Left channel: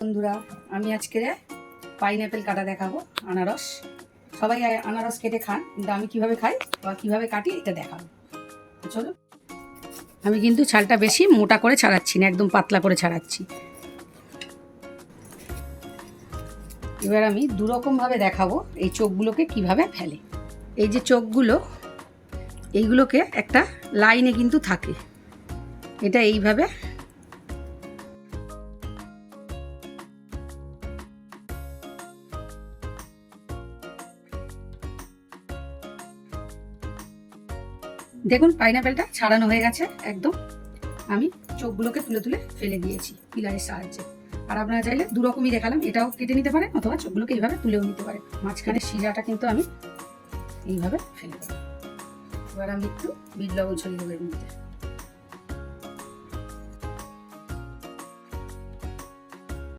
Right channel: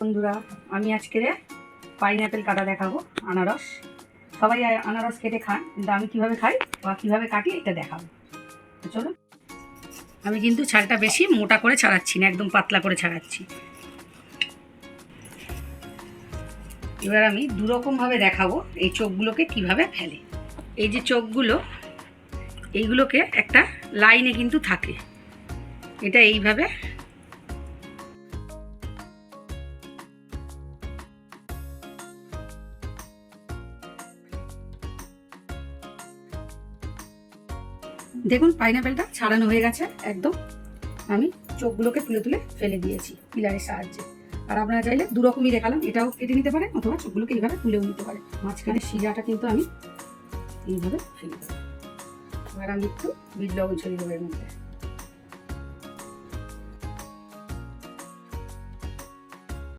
বন্ধুরা, আমি আজকে পাইনঅ্যাপেল কাটা দেখাবো। আনারস সবাই আনারস কেটে খান, কিন্তু আমি কিভাবে খাই বা কিভাবে কাটি এটা দেখাবো। তো চলো, আমি কিন্তু ছালটা বেশি মোটা করে ছাড়াচ্ছি না, একদম পাতলা করে ছাড়াচ্ছি। এবার আমি দুরকমভাবে দেখাবো এই চোখগুলোকে কিভাবে ফেলে। এই যে চোখগুলো, এইগুলোকে একটা লাইনে কিন্তু থাকে, এটা এইভাবে দেখুন পাইনঅ্যাপেলটা ছাড়ানো হয়ে গেছে একদম। আমি চোখগুলোকে তুলে তুলে ফেলে দিয়েছি পিলারের সাহায্যে। আর আপনারা চাইলে দুরকমই দেখালাম, এটাও কেটে নিতে পারেন অথবা চোখগুলোকে এইভাবে তুলেও নিতে পারেন। মাঝখানে শিরাটা কিন্তু আমি এইভাবে ফেলে দেবো। এবার আমি একটু বিট লবণ ছড়িয়ে দেবো এর মধ্যে।